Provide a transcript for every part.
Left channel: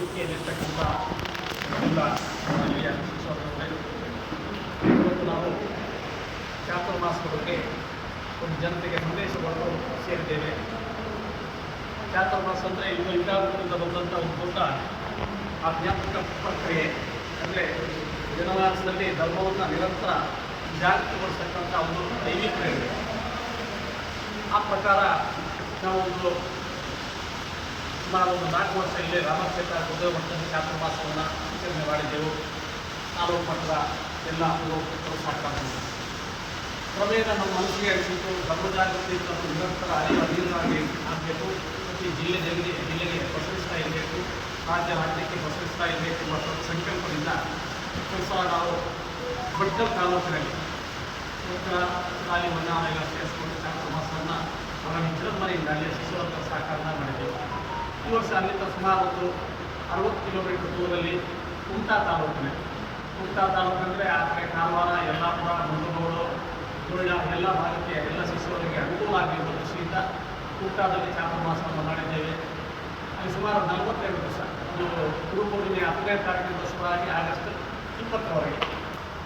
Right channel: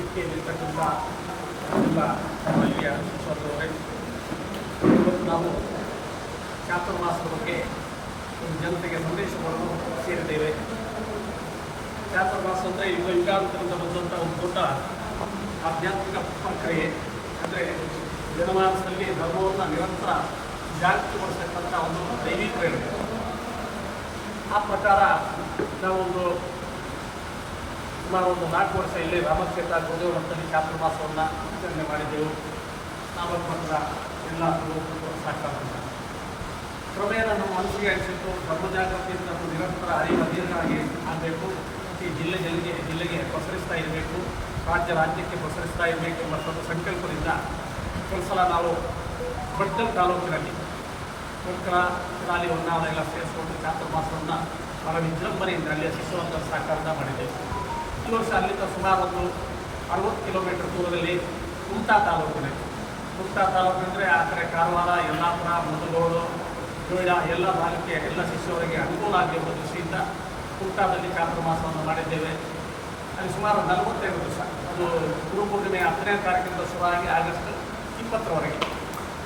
ವೇದಿಕೆಯಲ್ಲಿರ್ತಕ್ಕಂಥ ಎಲ್ಲ ನಮ್ಮ ಹಿರಿಯ ಶಿಕ್ಷಕರವರೇ, ಇವತ್ತು ನಾವು ಚಾತುರ್ಮಾಸದ ಬಗ್ಗೆ ಒಂದು ಜನತೆಗೆ ಸಂದೇಶ ಕೊಡಲು ಸೇರಿದ್ದೇವೆ. ಚಾತುರ್ಮಾಸ ಅಂದರೆ ಯುಗಾಂತರದಿಂದ ಬಂದಂಥ ಒಂದು ದೊಡ್ಡ ಆಧ್ಯಾತ್ಮಿಕ ಪ್ರಕ್ರಿಯೆ. ಅಂದರೆ ಜನಮಾನಸದಲ್ಲಿ ಧರ್ಮವನ್ನು ನಿರಂತರ ಜಾಗೃತಿಗೊಳಿಸ್ತಕ್ಕಂಥ ಒಂದು ದೈವಿ ಪ್ರೇರಣೆ. ಆ ಪ್ರಕಾರ ನಾವೊಂದು ಸುಮಾರು 4 ವರ್ಷ ಇಲ್ಲಿ ರಾಮಕ್ಷೇತ್ರ ಗುರುದೇವ ಮಠದಲ್ಲಿ ಚಾತುರ್ಮಾಸವನ್ನು ಆಚರಣೆ ಮಾಡಿದ್ದೆವು. ತಾಲೂಕು ಮಟ್ಟದ ಎಲ್ಲ ಸಾಕಾಗ್ತದೆ. ಕ್ರಮೇಣ ನಮ್ಮ ಮನಸ್ಸಿಗೆ ಅನಿಸಿತು, ಧರ್ಮಜಾಗೃತಿ ನಾವು ನಿರಂತರ ಅರಿವು ಅಧೀನವಾಗಿ ಆಗಬೇಕು, ಪ್ರತಿ ಜಿಲ್ಲೆಗೆ ಪಸರಿಸ್ತಾ ಇರಬೇಕು, ರಾಜ್ಯಕ್ಕೆ ಪಸರಿಸ್ತಾ ಇರಬೇಕು ಎಂಬ ಸಂಕಲ್ಪದಿಂದ ಒಂದು ಸಲ ನಾವು ಭಟ್ಕಲ್ ತಾಲೂಕಿನಲ್ಲಿ ಭಟ್ಕಳ ಶಾಲೆ ಹೊನ್ನಾವರ ಎಲ್ಲ ಸೇರಿಸಿಕೊಂಡು ಚಾತುರ್ಮಾಸವನ್ನು ಬಹಳ ವಿಜೃಂಭಣೆಯಿಂದ ಅಲ್ಲಿಯ ಶಿಶುವರ್ಗ ಸಾಕಾರದಿಂದ ಮಾಡಿದ್ದೇವೆ. ಈ ವರ್ಷ ಅಲ್ಲಿಂದ ಸುಮಾರು ಒಂದು 60 ಕಿಲೋಮೀಟರ್ ದೂರದಲ್ಲಿ ಕುಮಟಾ ತಾಲೂಕಿನಂದರೆ ಆ ಕಡೆ ಕಾರವಾರ, ಯಲ್ಲಾಪುರ, ಮುಂಡಗೋಡು, ನೋಯ್ಡಾ ಎಲ್ಲ ಭಾಗಕ್ಕೆ ಎಲ್ಲ ಶಿಷ್ಯವರಿಗೆ ಅನುಕೂಲ ಆಗಿರುವ ದೃಷ್ಟಿಯಿಂದ ಕುಮಟಾದಲ್ಲಿ ಚಾತುರ್ಮಾಸವನ್ನು ಮಾಡಿದ್ದೇವೆ. ಅಲ್ಲಿ ಸುಮಾರು 42 ದಿವಸ, ಅದು ಗುರುಪೂರ್ಣಿಮೆ 10ನೇ ತಾರೀಕಿಂದ ಶುರುವಾಗಿ ಆಗಸ್ಟ್ 20ರವರೆಗೆ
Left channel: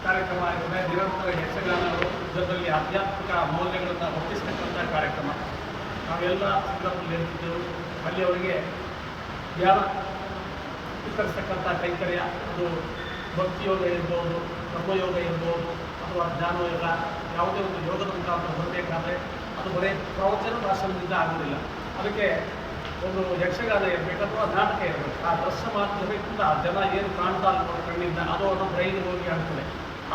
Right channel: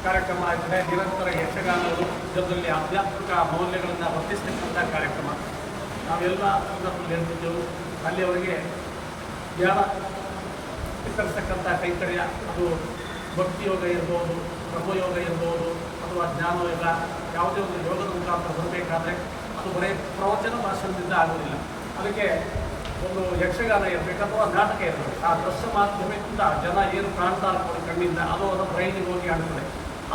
ಕಾರ್ಯಕ್ರಮ ಆಯ್ತದೆ. ನಿರಂತರ ಯಕ್ಷಗಾನಗಳು, ಇದರಲ್ಲಿ ಆಧ್ಯಾತ್ಮಿಕ ಮೌಲ್ಯಗಳನ್ನು ವರ್ತಿಸ್ತಕ್ಕಂಥ ಕಾರ್ಯಕ್ರಮ ನಾವೆಲ್ಲ ಸಂದರ್ಭದಲ್ಲಿ ಹೇಳ್ತಿದ್ದೆವು. ಅಲ್ಲಿಯವರೆಗೆ ಧ್ಯಾನ ವಿತರಿಸ್ತಕ್ಕಂಥ ಕೈಂಕರ್ಯ, ಅದು ಭಕ್ತಿಯೋಗ ಇರ್ಬೋದು, ಕರ್ಮಯೋಗ ಇರ್ಬೋದು, ಅಥವಾ ಜ್ಞಾನಯೋಗ, ಯಾವುದೇ ಒಂದು ಯೋಗದ ಮುಖಾಂತರ ಬರಬೇಕಾದ್ರೆ ಅದು ಬರೀ ಪ್ರವಚನ ಭಾಷಣದಿಂದ ಆಗೋದಿಲ್ಲ. ಅದಕ್ಕೆ ಒಂದು ಯಕ್ಷಗಾನ ಇರಬೇಕು ಅಥವಾ ನಾಟಕ ಇರಬೇಕು. ಆ ದೃಶ್ಯ ಮಾಧ್ಯಮದಿಂದ ಜನ ಏನು ಕಾಣ್ತಾ ನೋಡಿ ಕಣ್ಣಿಂದ, ಅದು ಬ್ರೈನಿಗೆ ಹೋಗಿ ಆಡ್ತದೆ.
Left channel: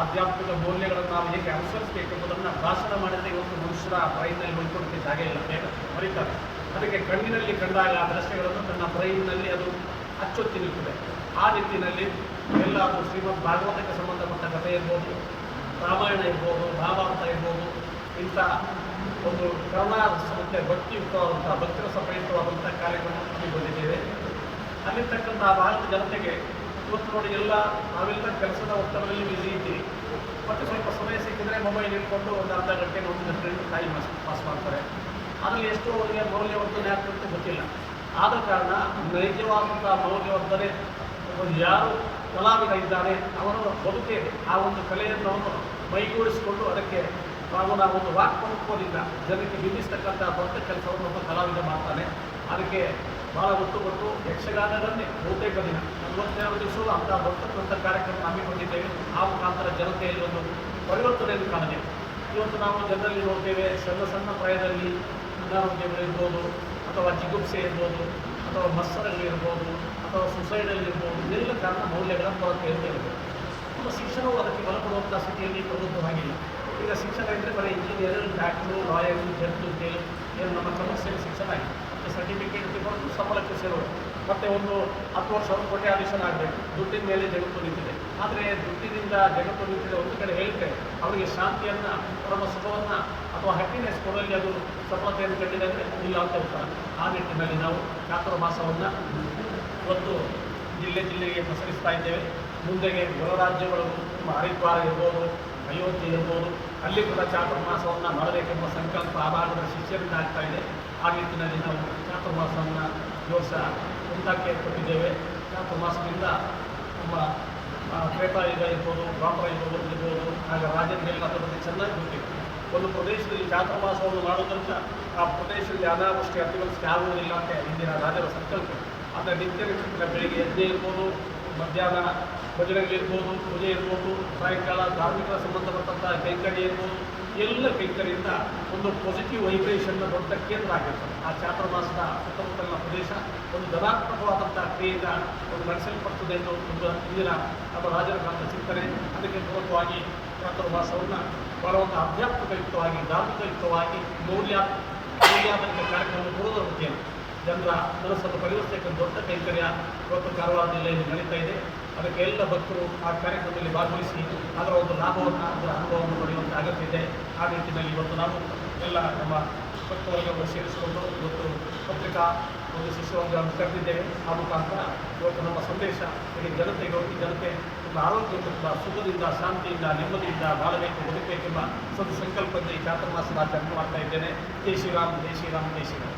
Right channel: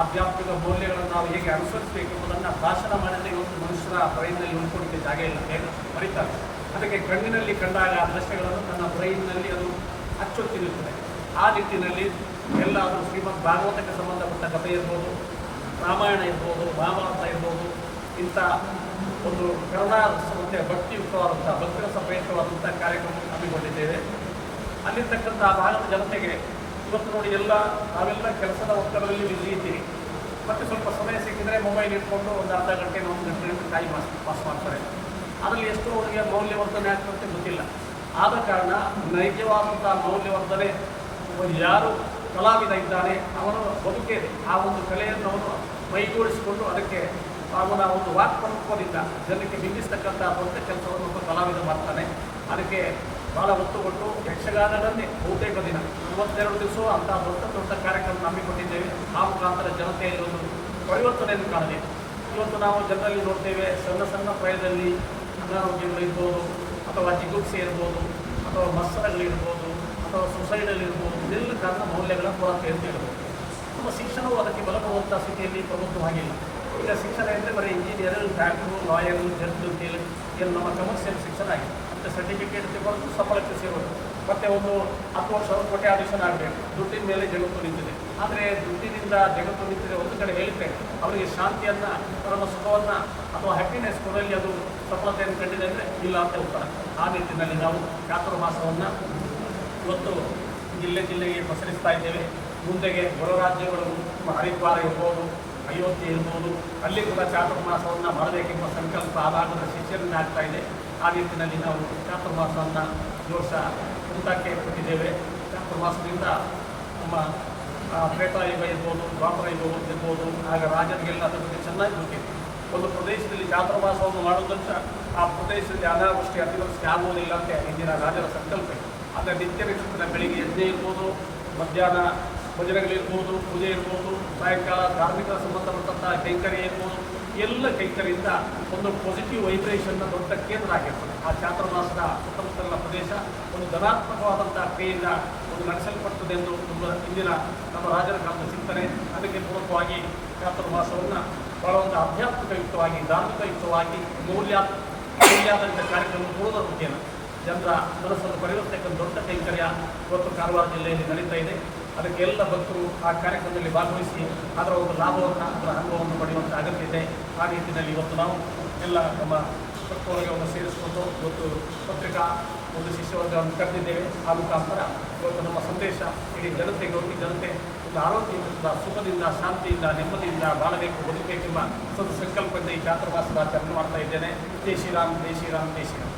ಆಧ್ಯಾತ್ಮಿಕ ಮೌಲ್ಯಗಳನ್ನು ನಾವು ಹೇಗೆ ಅನುಸರಿಸಬೇಕೆಂಬುದನ್ನು ಭಾಷಣ ಮಾಡಿದರೆ ಇವತ್ತು ಮನುಷ್ಯರ ಬ್ರೈನ್ನಲ್ಲಿ ಉಳ್ಕೊಡಲಿಕ್ಕೆ ಜಾಗ ಇಲ್ಲ, ಬೇಗ ಮರಿತಾರೆ. ಅದಕ್ಕೆ ಕಣ್ಣಿನಲ್ಲಿ ಕಂಡಾಗ ಆ ದೃಶ್ಯಗಳನ್ನು ತನ್ನ ಬ್ರೈನ್ನಲ್ಲಿ ಅದು ಅಚ್ಚೊತ್ತಿ ನಿಲ್ತದೆ. ಆ ನಿಟ್ಟಿನಲ್ಲಿ ಎಲ್ಲ ಅದು ಶ್ರೀಮದ್ ಭಾಗವತಕ್ಕೆ ಸಂಬಂಧಪಟ್ಟ ಕಥೆ ಇರ್ಬೋದು, ರಾಮಾಯಣ ಇರ್ಬೋದು, ಮಹಾಭಾರತ ಇರ್ಬೋದು, ಇಂಥ ಒಂದು ಕರುಣಾರಸ ಮತ್ತು ಭಕ್ತಿಯುಕ್ತವಾದಂಥ ಭಕ್ತಿರಸ ಪ್ರಯುಕ್ತವಾದಂಥ ಕಾರ್ಯಕ್ರಮ ಹಮ್ಮಿಕೊಂಡಿದ್ದೇವೆ. ಅಲ್ಲಿರ್ತಕ್ಕಂಥ ಆ ಭಾಗದ ಜನತೆಗೆ ಇವತ್ತು ನೋಡಿ, ನಾವೆಲ್ಲ ಕೆಲಸದ ಒತ್ತಡದಲ್ಲಿ ಇಲ್ಲಿ ಇದ್ದೀರಿ. ಮತ್ತು ಸ್ವಲ್ಪ ಸಮಯ ಸಿಕ್ಕಿದರೆ ಮೊಬೈಲ್ ಇಟ್ಕೊಂಡು ಒಂದು ಅರ್ಧ ಗಂಟೆ 1 ಗಂಟೆ ಟೈಮ್ ಪಾಸ್ ಮಾಡ್ತಾರೆ. ಅದರಲ್ಲಿ ಎಷ್ಟು ಅವರಿಗೆ ಮೌಲ್ಯವರ್ಧನೆ ಆಗ್ತಂತೆ ಗೊತ್ತಿಲ್ಲ. ಆದ ಕಾರಣ ನೈಜವಾದಂಥ ಮೌಲ್ಯವರ್ಧನೆ, ಯಾರು ಕಲಾವಿದ ಇದ್ದಾನೆ ಅವನು ಬದುಕೇನೆ ಆ ಒಂದು ಕಲೆಯನ್ನು ಅವನು ಮೈಗೂಡಿಸಿಕೊಂಡು ಅದಕ್ಕೆ ಅವನ ಒಂದು ವಾಕ್ಪನುತ್ವದಿಂದ ಜನಕ್ಕೆ ಬಿಂಬಿಸ್ತಕ್ಕಂಥ ದೊಡ್ಡ ಕೆಲಸವನ್ನು ಒಬ್ಬ ಕಲಾವಿದ ಮಾಡ್ತಾನೆ. ಅದಕ್ಕೆ ಭಾಳ ಒತ್ತು ಕೊಟ್ಟು ಯಕ್ಷಗಾನದನ್ನೇ ಬಹುತೇಕ ದಿನ 42 ದಿವಸ ಅಂಥ ದೊಡ್ಡ ಕಾರ್ಯಕ್ರಮ ಹಮ್ಮಿಕೊಂಡಿದ್ದೇವೆ. ಆ ಮುಖಾಂತರ ಜನತೆಯಲ್ಲಿ ಒಂದು ಪರಿವರ್ತನೆಯನ್ನು ಕಾಣದೆ. ಇವತ್ತು ನಾವು ಜನರಲ್ಲಿ ನೋಡ್ತೇವೆ, ಸಣ್ಣ ಪ್ರಾಯದಲ್ಲಿ ಅನಾರೋಗ್ಯಗಳಿರ್ಬೋದು, ಅಥವಾ ಜಿಗುಪ್ಸೆ ಇರ್ಬೋದು, ಅಥವಾ ಮತ್ಸರಗಳಿರ್ಬೋದು, ಅಥವಾ ಸುಸೈಡಲ್ ಇರ್ಬೋದು, ಇದೆಲ್ಲ ಕಾರಣ ಮೌಲ್ಯಗಳ ಕೊರತೆ ಅಂತ ಹೇಳ್ಬೋದು. ನಮ್ಮ ಶಿಕ್ಷಣವು ಅದಕ್ಕೆ ಬಲ ಕೊಡುವಂಥ ಸ್ಥಿತಿಯಲ್ಲಿ ಪ್ರಬುದ್ಧವಾಗಿಲ್ಲ. ಈಗ ಶಿಕ್ಷಣ ಅಂದರೆ ಬರೀ engineer, doctor, lawyer, judge, tailor ಏನು ನಮ್ಮ ಕಮರ್ಷಿಯಲ್ ಶಿಕ್ಷಣ ಆಗಿದೆ. ಮತ್ತು ಸರ್ಟಿಫಿಕೇಟ್ ತಗೊಂಡು ಸಂಬಳಕ್ಕೆ ಸೇರೋದು, ಮತ್ತು ಒಂದು 10 ವರ್ಷ ಕೋಟ್ಯಾಧೀಶನ ಆಗಬೇಕು. ದುಡ್ಡಿನ ಮೇಲೆ ಜಗತ್ತು ನಿಂತಿದೆ. ಆದರೆ ದುಡ್ಡಿನಿಂದ ಜಗತ್ತು ನಿಂತಿದೆ ಒಂದು ಕಡೆ ಹೇಳಿದರೆ, ಅವರಿಗೆ ಶಾಂತಿಯನ್ನು, ಪರಮ ಸುಖವನ್ನು ಅಥವಾ ಹ್ಯಾಪಿನೆಸ್ ಕೊಡಲಿ ಅದು ಸಫಲತೆಯನ್ನು ಕಂಡಿದೆ ಅಂದರೆ ಇಲ್ಲ ಅಂತ ಉತ್ತರ. ಆ ನಿಟ್ಟಿನಲ್ಲಿ ನಾವು ಚಾತುರ್ಮಾಸವನ್ನು ಇವತ್ತು ಜಿಲ್ಲೆಗೆ ಪಸರಿಸ್ತಾ ಇದ್ದೇವೆ. ಮುಂದೆಗೆ ಹೊರ ರಾಜ್ಯಗಳು, ಹರಿದ್ವಾರ ಇರ್ಬೋದು, ಅಯೋಧ್ಯೆ ಇರ್ಬೋದು, ಅಲ್ಲಿ ಕೂಡ ಚಾತುರ್ಮಾಸವನ್ನು ಮಾಡಬೇಕೆಂಬ ಸಂಕಲ್ಪ ಆ ಭಾಗದ ಶಿಷ್ಯರಿಂದ ಆಗ್ತಾ ಇದೆ. ಆ ನಿಟ್ಟಿನಲ್ಲಿ ನಾವು ಚಾತುರ್ಮಾಸವನ್ನು ಈ ವರ್ಷ ಕುಮಟಕ್ಕೆ ಕೊಟ್ಟಿದ್ದೇವೆ. ಚಾತುರ್ಮಾಸದಿಂದ ನಮ್ಮ ತ್ರೇತಾಯುಗ ಇರ್ಬೋದು, ದ್ವಾಪರ ಯುಗ ಇರ್ಬೋದು, ಆಗ ರಾಜರಿಗೆಲ್ಲ ಅದರ ಬಗ್ಗೆ ಚೆನ್ನಾಗಿ ಗೊತ್ತಿದೆ. ಒಂದು ಪ್ರದೇಶದಲ್ಲಿ ಚಾತುರ್ಮಾಸವನ್ನು ಮಾಡೋದಂತ ಆ ಪ್ರದೇಶದಲ್ಲಿ ಅನಾವೃಷ್ಟಿ ಅತಿವೃಷ್ಟಿ ಆಗುವುದಿಲ್ಲ ಅಂತ ಹಿಂದಿನ ರಾಜರ ಸಂಕಲ್ಪ. ಆದರೆ ನಿತ್ಯ ನಿತ್ಯದ ಬೆಳಿಗ್ಗೆ ಯಜ್ಞ ಇರ್ಬೋದು, ಮಧ್ಯಾಹ್ನ ಭಜನೆಗಳಿರ್ಬೋದು, ಪೂಜೆ ಇರ್ಬೋದು, ಸಾಯಂಕಾಲ ಧಾರ್ಮಿಕ ಸಂಬಂಧಪಟ್ಟಂಥ ಕೈಂಕರ್ಯ ಇರ್ಬೋದು, ಎಲ್ಲ ಕೈಂಕರ್ಯದಿಂದ ಒಂದು ಪಾಸಿಟಿವ್ ವೈಬ್ರೇಷನ್ನ ದೊಡ್ಡ ಕೇಂದ್ರ ಆಗಿರ್ತದೆ. ಆ ಚಾತುರ್ಮಾಸದ ಸುತ್ತಮುತ್ತಲಿನ ಪ್ರದೇಶ ಒಂದು ಧನಾತ್ಮಕವಾದಂಥ ಕ್ರಿಯೆಯಿಂದ ಒಂದು ನಡೆಸಲ್ಪಡ್ತದೆ ಎಂದು ತುಂಬ ಹಿಂದಿನ ನಮ್ಮ ರಾಜರ ಕಾಲದ ಚಿಂತನೆ. ಅದಕ್ಕೆ ಪೂರಕವಾಗಿ ಚಾತುರ್ಮಾಸವನ್ನು ಬಹಳ ಒಂದು ಆಧ್ಯಾತ್ಮಿಕಯುಕ್ತವಾಗಿ, ಧಾರ್ಮಿಕಯುಕ್ತವಾಗಿ, ಮೌಲ್ಯಾಧಾರಿತ ಕಾರ್ಯಕ್ರಮ ಕೊಡುವುದರ ಮುಖ್ಯ ಜನರ ಮನಸ್ಸನ್ನು ಪರಿವರ್ತಕ್ಕೆ ದೊಡ್ಡ ಕೈಂಕರ್ಯ ಇವತ್ತು ಕಾರವಾರ ಜಿಲ್ಲೆಯಲ್ಲಿ ನಡೀತಾ ಇದೆ. ಅದಕ್ಕೆ ಎಲ್ಲ ಭಕ್ತರು ಆ ಕಾರ್ಯಕ್ರಮದಲ್ಲಿ ಭಾಗವಹಿಸಿ ಅದರ ಒಂದು ಲಾಭವನ್ನು, ಅದರ ಅನುಭವವನ್ನು ಪಡೆಯುವಂಥ ಅಗತ್ಯ ಇದೆ. ಆ ನಿಟ್ಟಿನಲ್ಲಿ ಇವತ್ತು ನಾವು ಎಲ್ಲ ನಮ್ಮ ಭಕ್ತವರ್ಗವನ್ನು ಸೇರಿಸಿಕೊಂಡು ಇವತ್ತು ಪತ್ರಿಕಾ ಒಂದು ಶಿಷ್ಯವರ್ಗವನ್ನು ಕರೆದಿದ್ದೇವೆ. ಆ ಮುಖಾಂತರ ಇವತ್ತು ನಮ್ಮ ಸಂದೇಶ ಇಡೀ ಜನತೆಗೆ ಹೋಗಿ ಜನತೆ ಒಂದು ಆರೋಗ್ಯದಿಂದ, ಸುಖದಿಂದ, ಶಾಂತಿಯಿಂದ, ನೆಮ್ಮದಿಯಿಂದ ಬಾಳಬೇಕು, ಬದುಕಬೇಕೆಂಬ ಸಂಕಲ್ಪದಿಂದ ಈ ಚಾತುರ್ಮಾಸದ ಆಚರಣೆ ಮಾಡ್ತಾ ಇದ್ದೇನೆ. ಜೈ ಶ್ರೀರಾಮ್, ಜೈ ಶ್ರೀರಾಮ್, ಜೈ ಶ್ರೀರಾಮ್.